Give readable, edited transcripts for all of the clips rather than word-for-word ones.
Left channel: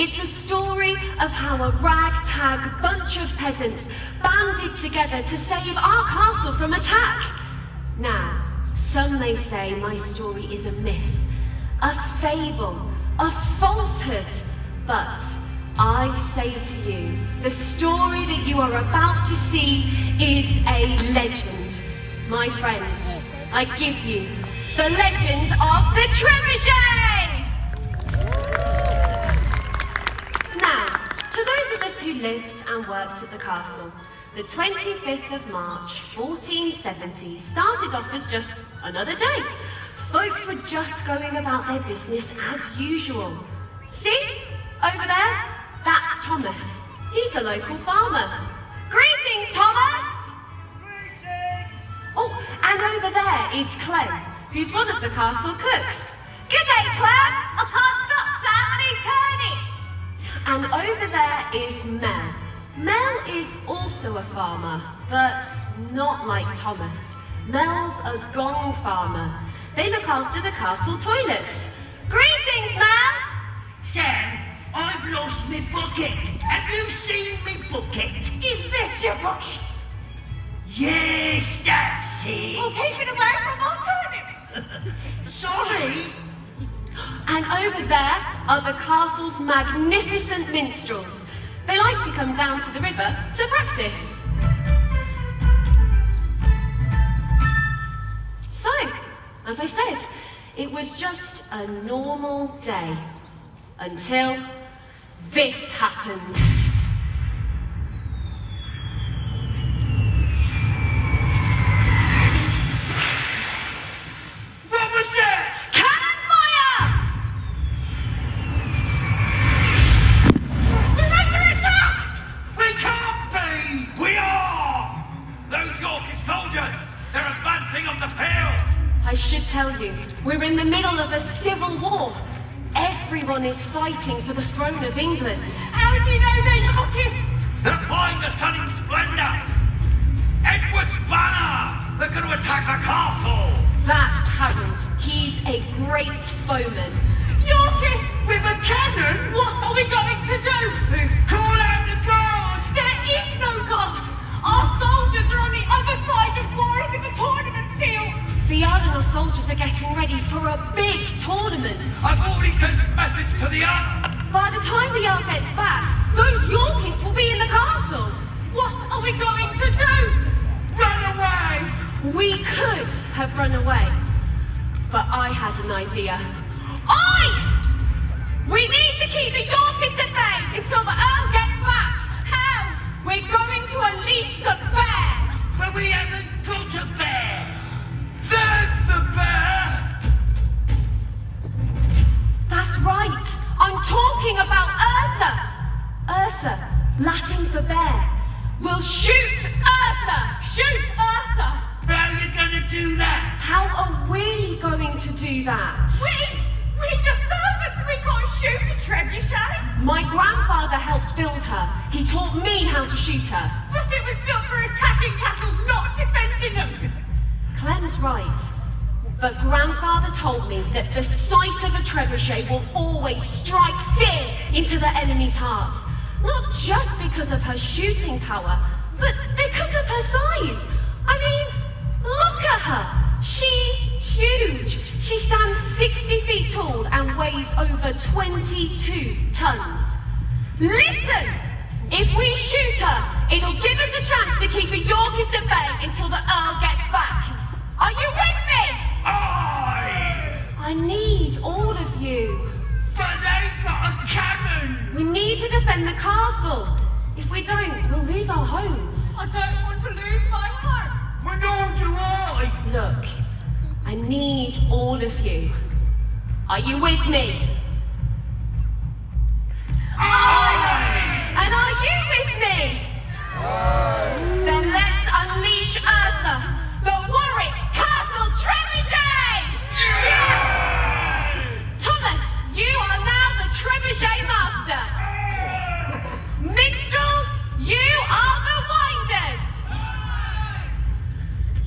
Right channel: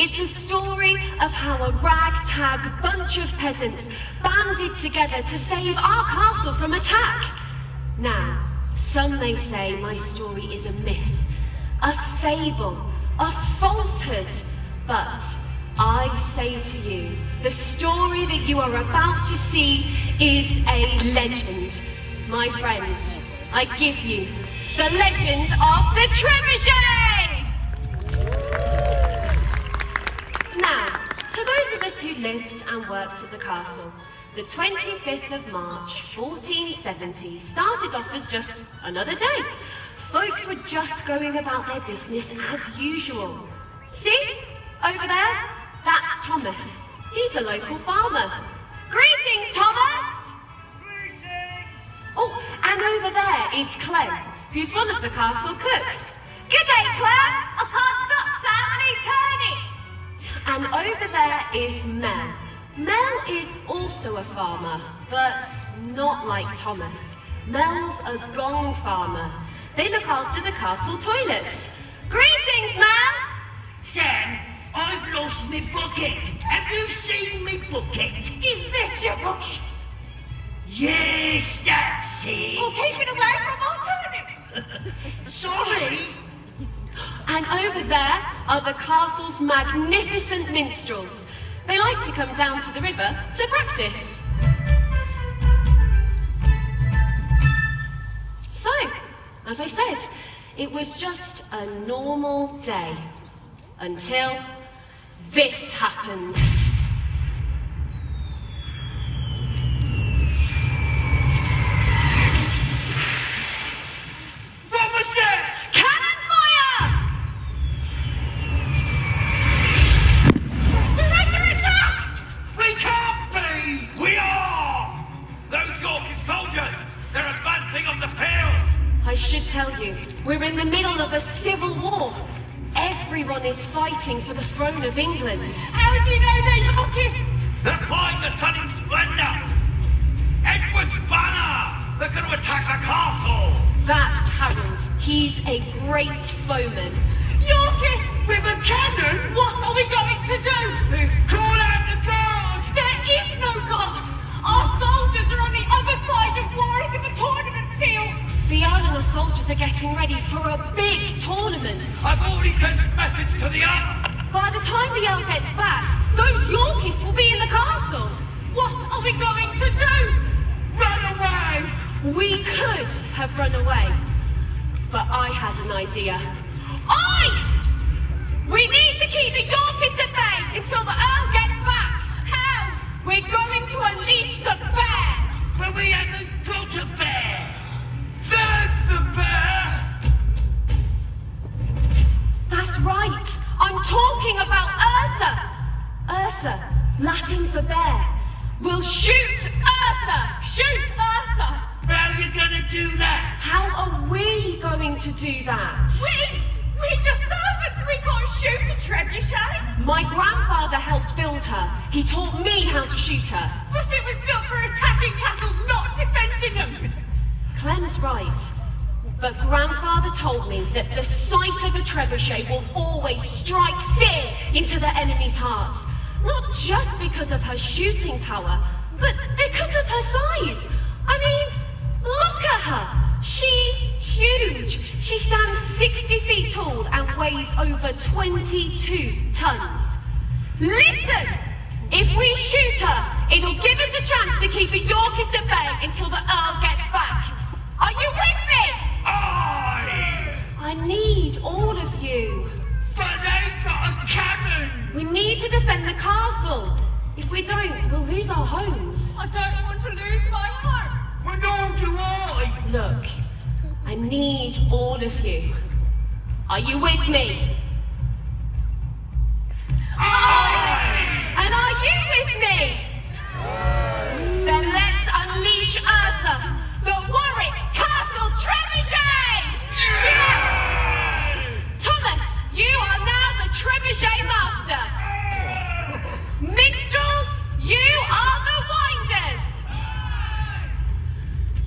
It's a story of how a ragtag bunch of peasants banded together to save our castle from attack. Now, some may say my story is a myth, a fable, a falsehood, but I say to you, the story that you are about to see is a legend. My friends, I give you the legend of the Trebuchet! Now, to those of us who lived and worked at the castle, the 25th of March, 1470 started off as just another day. Folks were just going about their business as usual. See? Over there? That's Thomas. He's a local farmer. Greetings, Thomas! Greetings! Oh, and over there is Clem, who's one of the castle cooks. Good day, Clem! I can't stop, Sam, I need turning! And over there is Mel. Mel is also a farmer, but not like Thomas. Mel's a gong farmer. They look after the castle toilets. Greetings, Mel! Sam, I've lost my bucket. Have you seen me bucket? Is this your bucket? Yes, that's it. Well, keep it away from my turnip. Sorry. And over there are the castle's magnificent minstrels. They like to come down to the river to practice. So, as I said, it was just a normal day until this happened. What was that? Cannon fire! We're under attack! We can't be. We are! Those Yorkist soldiers, they're advancing on the field! I should tell you, we're in the middle of a civil war. Everyone is fighting for the throne of England. How do you know they're Yorkists? They're flying the stunning splendor! Edward's banner! They're going to attack the castle! That's Harold. He's a great bowman. Yorkists! With a cannon? What are we going to do? Call out the guard. There is no guard! Our soldiers are on the other side of Warwick in the tournament field! The Earl and our soldiers are getting ready for a big tournament. I've already sent a message to the Earl! By the time the Earl gets back, those Yorkists will be in the castle. What are we going to do? Run away. We could have run away, but I had an idea. We need to keep the Yorkists at bay until the Earl gets back. How? We're going to unleash the bear. But we haven't got a bear. There's the bear! That's right. I'm talking about Ursa. Ursa, Latin for bear. We'll shoot Ursa. Shoot Ursa! How are you going to do that? How are we going to do that? We're just servants! We can't shoot a trebuchet! My grandfather helped build her. He taught me how to shoot her. But it was built for attacking castles, not defending them! Clem's right. But grandfather told me that the sight of a trebuchet will always strike fear into the enemy's hearts. Not just because of her shooting power, but because of her size. I mean, look at her. She's huge. She stands 60 feet tall and weighs over 22 tons. Listen! If we shoot her, it'll give us a chance to keep a Yorkist at bay until the Earl gets back. Are you with me? Aye! I need all of you. But they've got a cannon. We need to defend the castle. If we don't, we'll lose our homes. I don't want to lose my home! But nor do I. Look, I need all of you. Are you with me? Aye. And are you with me? Then let's unleash Ursa, the Warwick Castle Trebuchet! Thomas, you are now the Trebuchet Master. Minstrels, you are the winders.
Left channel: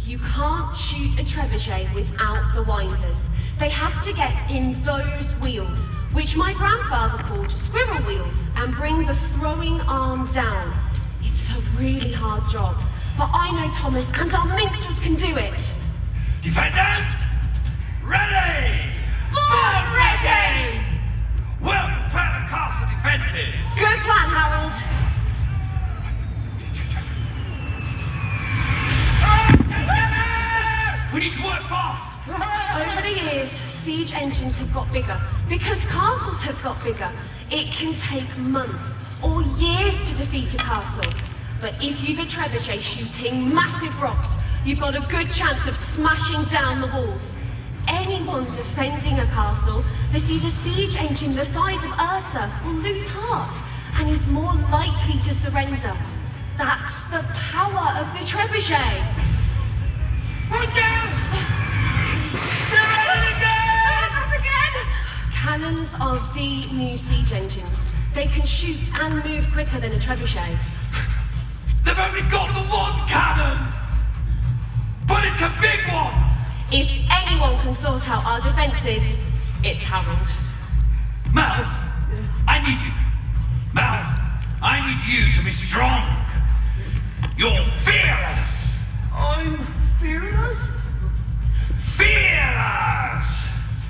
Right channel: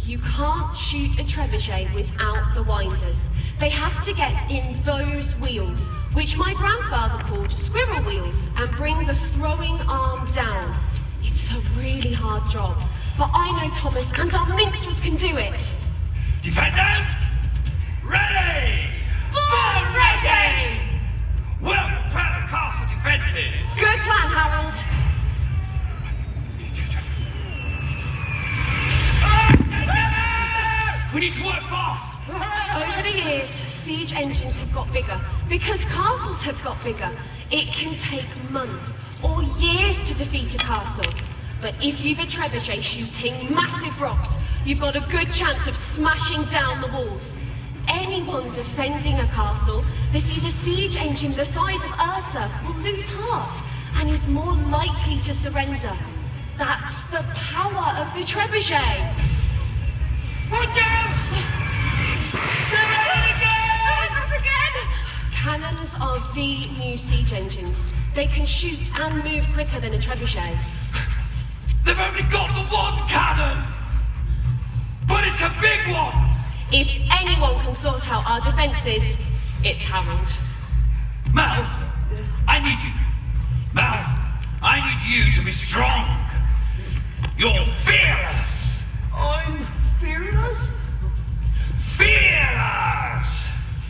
You can't shoot a trebuchet without the winders. They have to get in those wheels, which my grandfather called squirrel wheels, and bring the throwing arm down. It's a really hard job, but I know Thomas and our minstrels can do it. Defenders, ready! Full ready! Well, prepare the castle defenses. Good plan, Harold. We need to work fast. Over the years, siege engines have got bigger. Because castles have got bigger, it can take months or years to defeat a castle. But if you've a trebuchet shooting massive rocks, you've got a good chance of smashing down the walls. Anyone defending a castle that sees a siege engine the size of Ursa will lose heart and is more likely to surrender. That's the power of the trebuchet. Watch out! Cannons are the new siege engines. They can shoot and move quicker than a trebuchet. They've only got the one cannon, but it's a big one. If anyone can sort out our defences, it's Harold. Mel, I need you. Mel, I need you to be strong. You're fearless. I'm fearless? Fearless!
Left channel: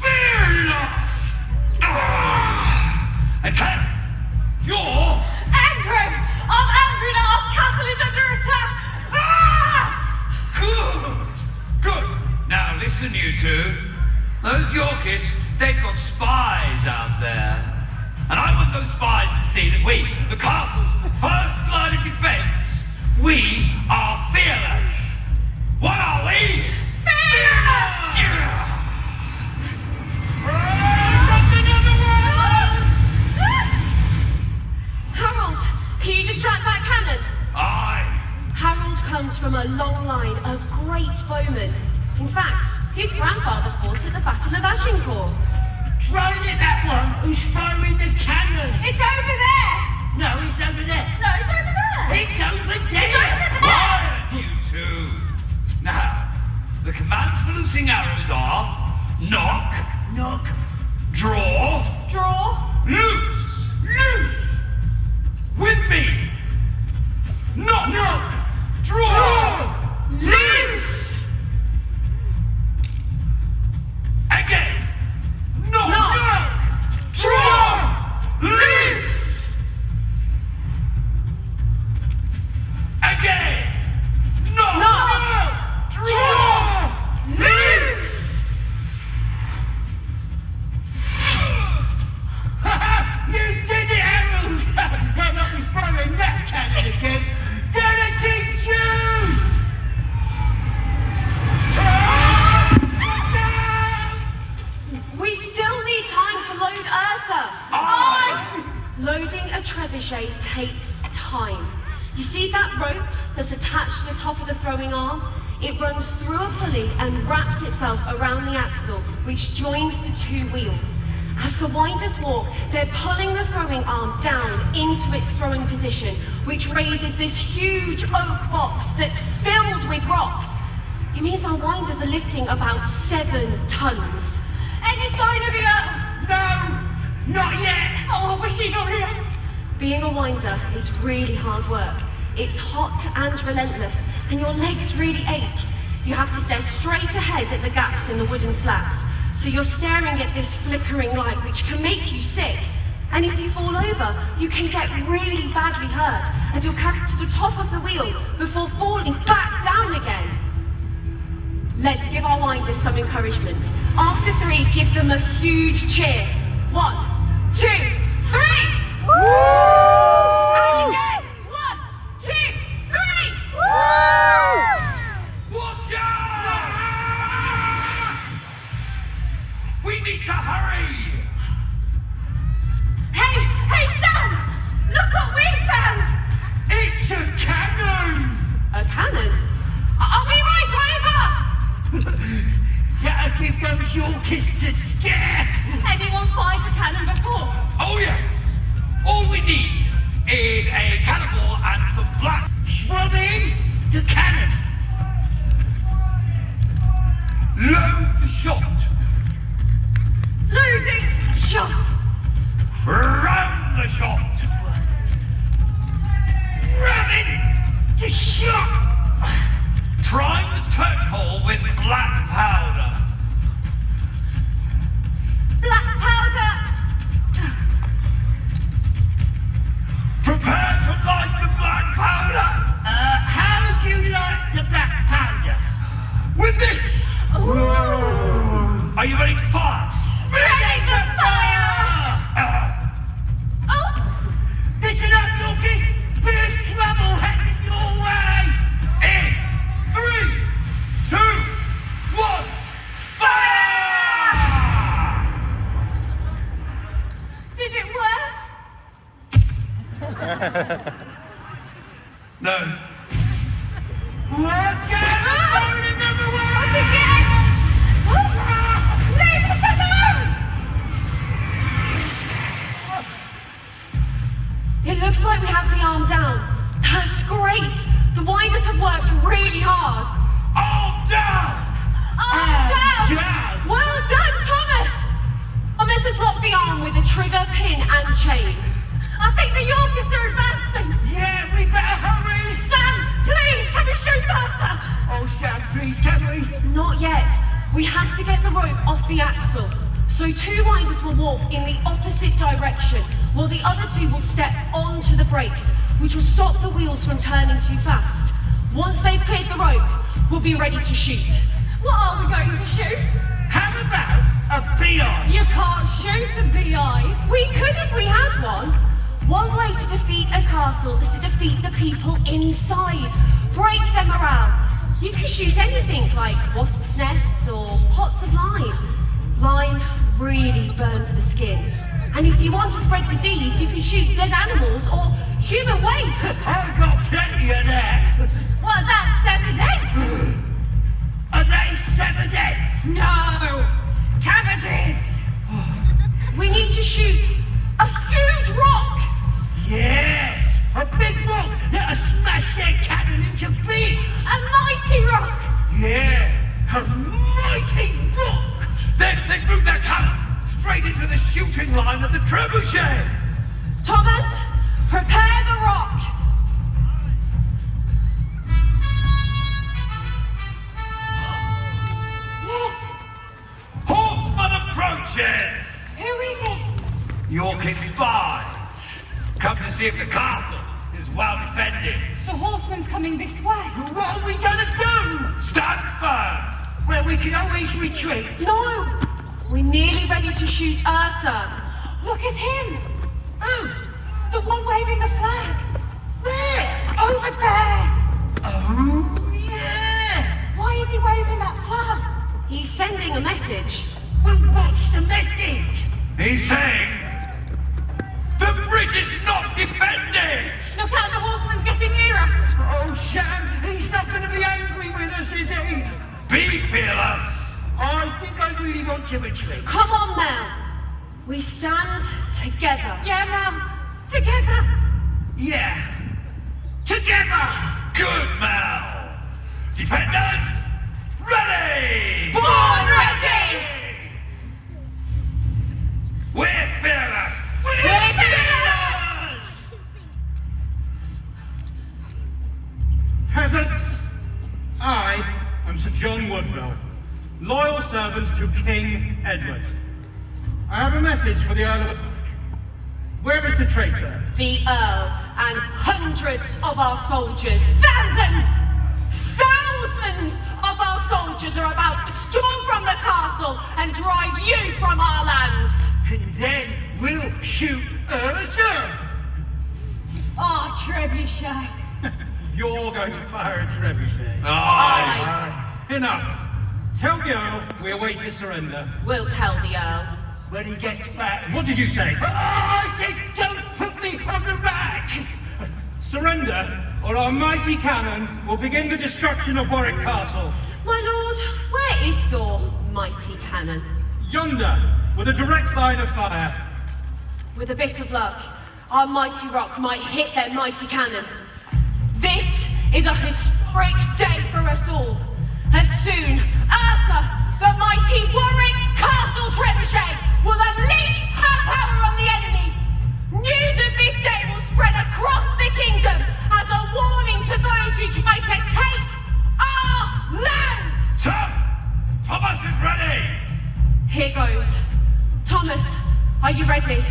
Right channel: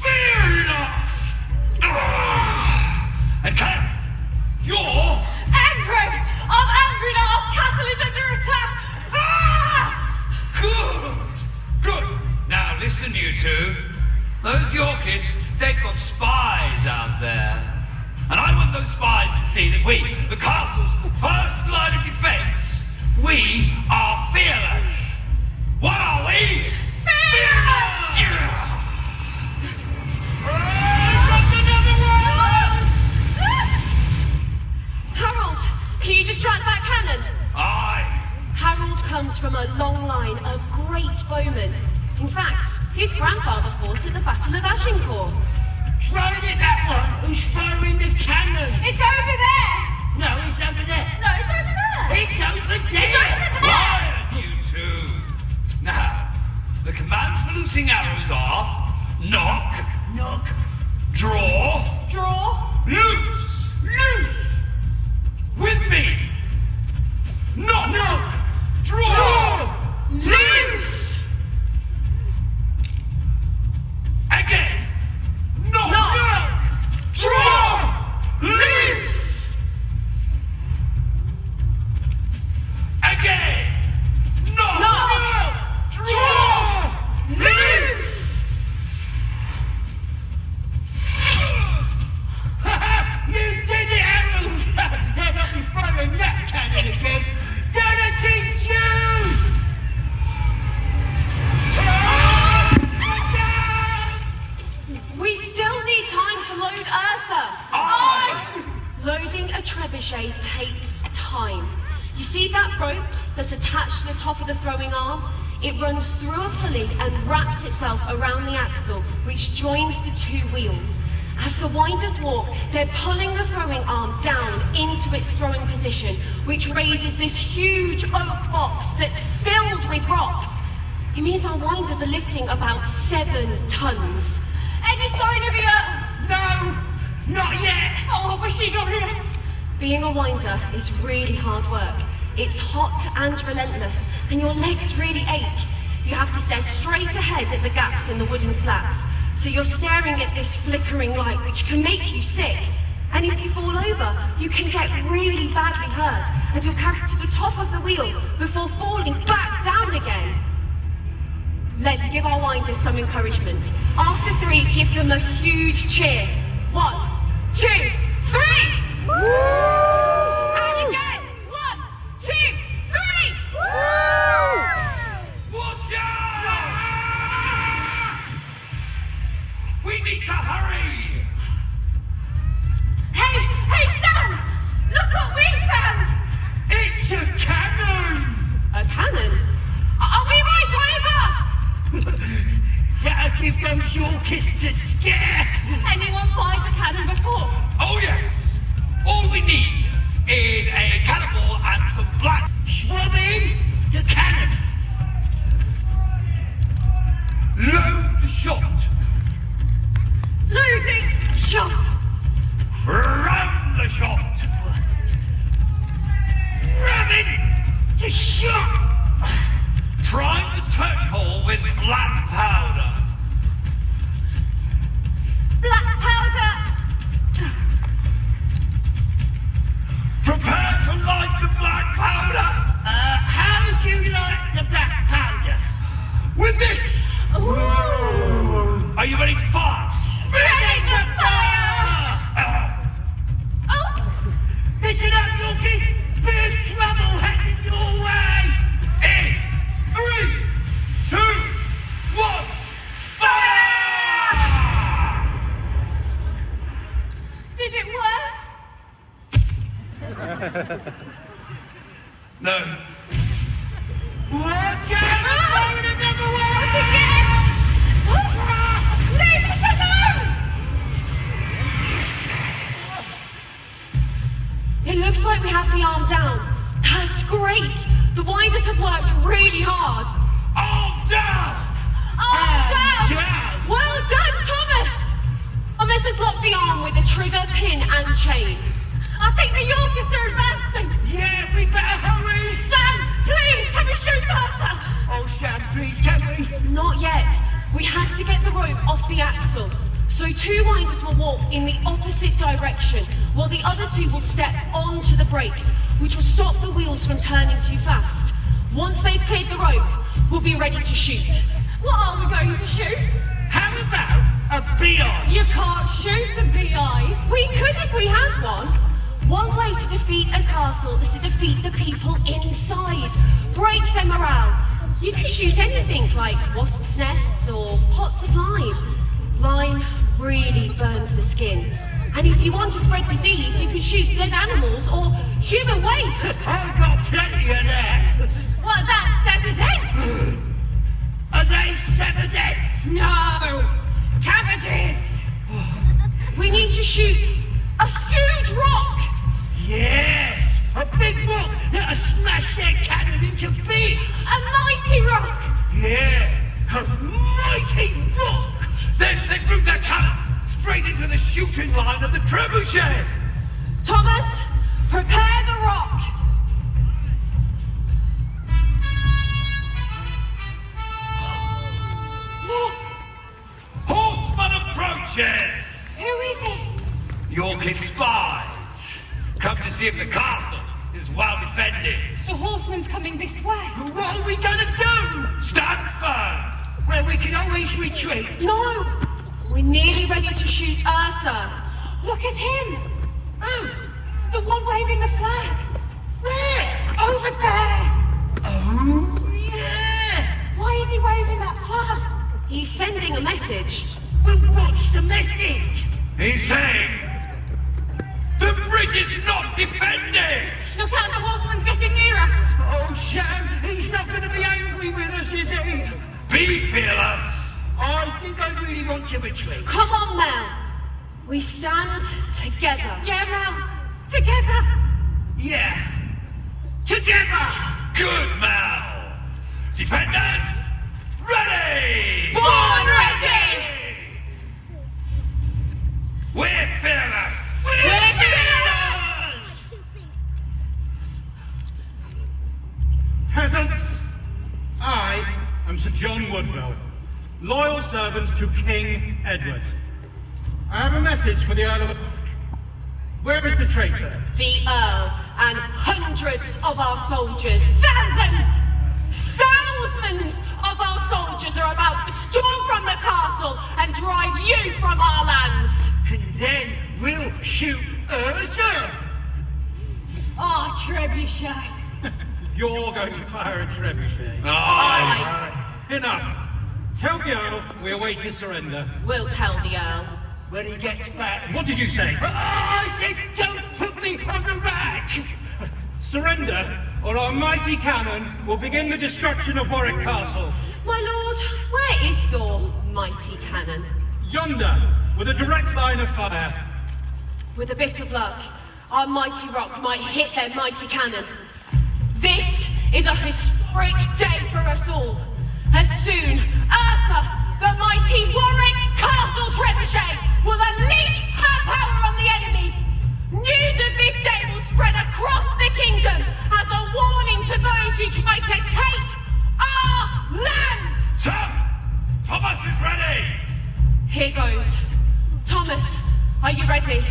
Fearless! And Cannon, you're Angry! I'm angry now! Our castle is under attack! Ah! good. Good. Now listen, you two. Those Yorkists, they've got spies out there. And I want those spies to see that we, the castle's first line of defense, we are fearless. What are we? Fearless! Harold, can you distract that cannon? Aye. Harold comes from a long line of great bowmen. In fact, his grandfather fought at the Battle of Agincourt. Throwing at that one who's throwing the cannon. It's over there! No, it's over there. No, it's over there! It's over there. Quiet, you two. Now, the commands for loosing arrows are knock, Knock. draw, Draw. loose. Loose. With me. Knock, Knock. draw, Loose. again. Knock, Knock. draw, loose. Again. Knock, draw, Loose. You did it, Harold! They'll not be throwing that cannon again. Did it teach you? We still need time to load Ursa. Aye. Loading a trebuchet takes time. You see that rope that's attached to the top of the throwing arm? It runs through a pulley and wraps itself around the axle, which joins the two wheels. As the winders walk, they're pulling the throwing arm down into its throwing position, which raises this huge oak box that's filled with rocks. It means our winders are lifting about 7 tons. Any sign of the No, not yet. Oh, I wish he'd got here. Being a winder is really hard work. It's hot and relentless, and your legs really ache. You have to stare straight ahead at the gaps in the wooden slats. So you're staring at this flickering light, which can make you sick. And if you fall over, you can get really badly hurt, and you'll come to the top of the wheel before falling back down again. Let's give our winders some encouragement. After 3, give them a huge cheer. 1, 2, 3! And again! 1, 2, 3! Watch out! We need to hurry! Hey, Sam! Look what we found! It's a cannon. A cannon? Are we right over? That'll give those Yorkists a scare. Anyone find a cannon before? Oh yes! All we need with this. Whoa. Are you ready to fire? Ready to fire! Oh! Listen up, Yorkists! There's trouble headed your way! In 3, 2, 1, fire! Did it work? No. Watch out! Find another one! Again! Leave us alone! It looks like we have the arm down. That's great. The winders have worked really hard. Arm down! Arm down! Down! Well done, Thomas! Thomas has locked the arm with a trigger, pin, and chain. I think the Yorkists are advancing! Yeah, we better hurry! Sam, please, can we shoot Arthur? Oh, Sam, please, can we? Not yet. We have to get the rope off the axle. So 2 winders will walk in the opposite direction, while the other 2 will step onto the brakes, which will stop the wheels from turning too fast. Once they've cleared the rope, we'll be ready to shoot. What are we going to shoot? How about a beehive? You can't shoot a beehive. We could if we had one. One way to defeat a castle is to defeat the people inside. Break their morale. You can shoot anything like wasps' nests or pots of lime. Lime really burns the skin. And if you want to spread disease, you can shoot dead animals or human waste. I've got plenty of that. What about 7 eggs? Are they 7 eggs? No! Cabbages! We need to shoot a huge rock. Yes! A big rock that'll smash their cannon into bits! A mighty rock! Yeah! A mighty rock! Then they move their cannon straight into the shooting line of the Trebuchet. Thomas, prepare the rock. Horseman approaches. Who is it? Yorkist spies. Come to see if the castle is well defended. The horseman's coming this way. What are we gonna do? Stand firm. Well, we can always retreat. No, we're nearly ready to shoot Ursa. Look at him! Oh, The one waving the flag! where? Over there! Oh, yeah! Why is he waving that flag? He's sending a message. Well, what's the message? He's saying the bridge is not defended. Look out, the horseman's getting nearer! Oh, Sam, he's not gonna be angry with us, is he? Be fearless. I think I really want to retreat. Come on, Mel. We stand together. Yeah, Mel. Together! Yeah. Together! Good, Mal. Defenders, ready. Born ready! We're fearless. We're Peasants, I am Sir John Woodville, loyal servant to King Edward. I have a message for the Earl of the Park. Where is the traitor? The Earl and hundreds of our soldiers, thousands of our soldiers are about to storm from the castle and drive you from our lands. And then we'll shoot Ursa. Ah, Trebuchet! You're going to fire a trebuchet. I Enough. Tell the Earl we await his surrender. will tell the Earl. When he gets back. What did you say? I said, don't put me on the rack. Surrender, or our mighty cannon will begin the destruction of Warwick Castle. My lord, where is your mighty cannon? Yonder, with a direct line of fire. With a bit of luck, our mighty rock might hit their mighty cannon. This is a historic day for us all. As soon, Ursa, the mighty Warwick Castle Trebuchet, will unleash her power on the enemy. News of this day will spread across the kingdom as a warning to those who try to take our land. Sir, Thomas is ready. Here goes. Thomas, are you ready?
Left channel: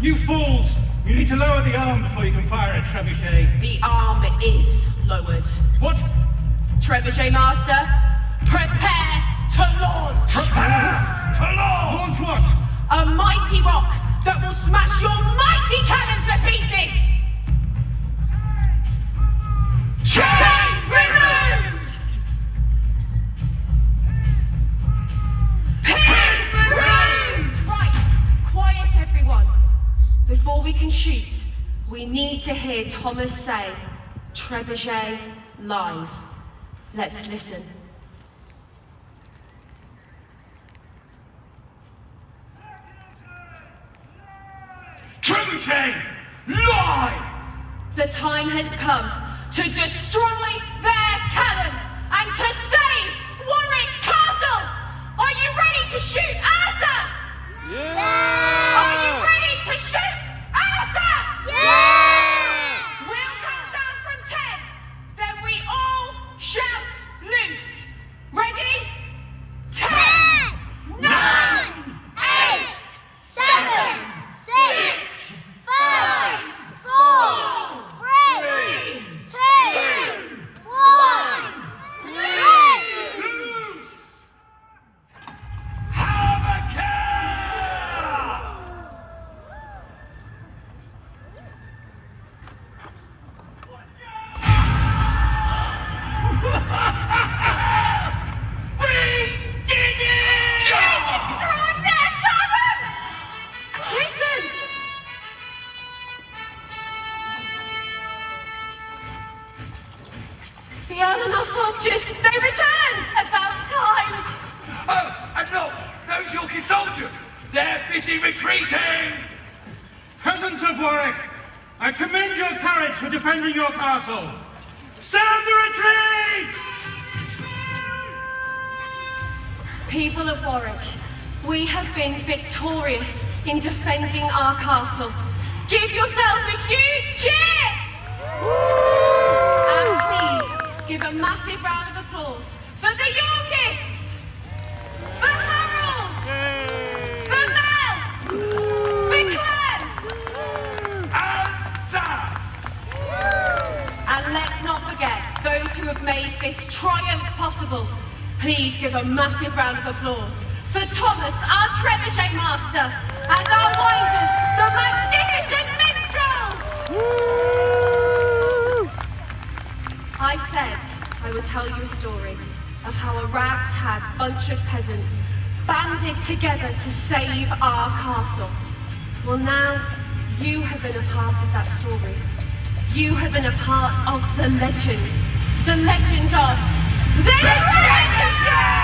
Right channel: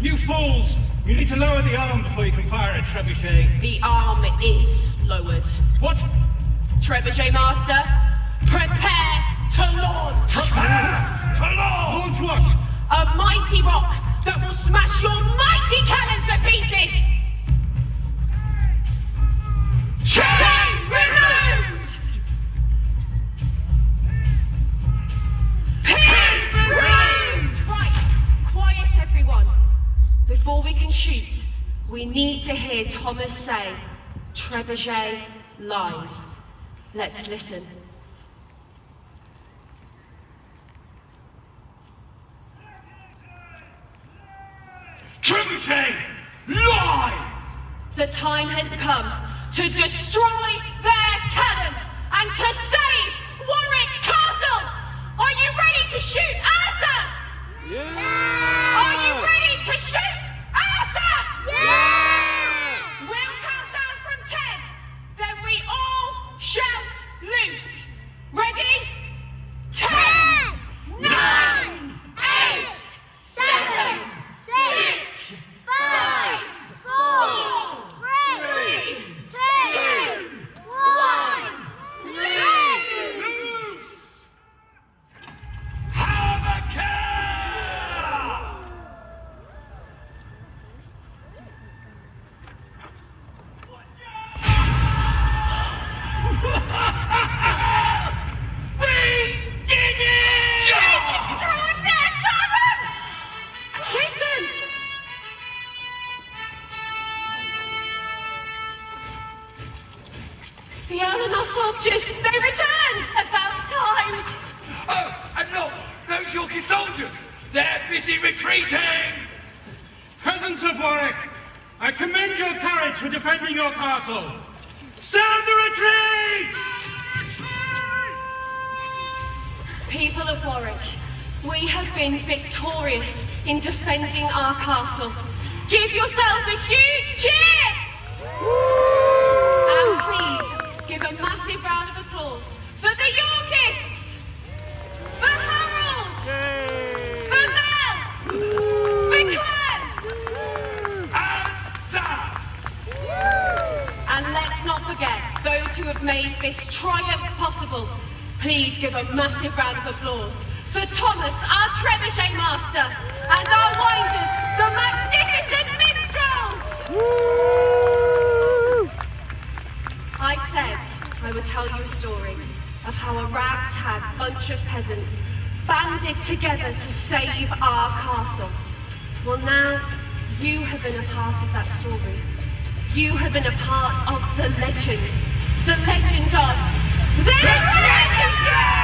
You fools! You need to lower the arm before you can fire a trebuchet. The arm is lowered. What? Trebuchet Master, prepare to launch! Prepare to launch! Launch what? A mighty rock that will smash your mighty cannon to pieces! Chain removed! Pin removed! Right, quiet everyone. Before we can shoot, we need to hear Thomas say, Trebuchet live. Let's listen. Trebuchet, live! The time has come to destroy their cannon and to save Warwick Castle! Are you ready to shoot, Arthur? Yeah! Are you ready to shoot, Arthur? Yeah! We'll count down from 10. Then we all shout loose. Ready? 10, 9, 8, 7, 6, 5, 4, 3, 2, 1, release! Listen! The Eleanor soldiers, they return! About time! Oh, and look, those Yorkist soldiers, they're busy retreating! Peasants of Warwick, I commend your courage for defending your castle. Stand the retreat! People of Warwick, we have been victorious in defending our castle. Give yourselves a huge cheer! And please, give a massive round of applause for the Yorkists! For Harold! For Mel! For Claire! And Sam! And let's not forget those who have made this triumph possible. Please give a massive round of applause for Thomas, our Trebuchet Master, and our winders, the magnificent minstrels! I said I would tell you a story of how a ragtag bunch of peasants banded together to save our castle. Well, now you have been a part of that story. You have been a part of the legend of the Trebuchet!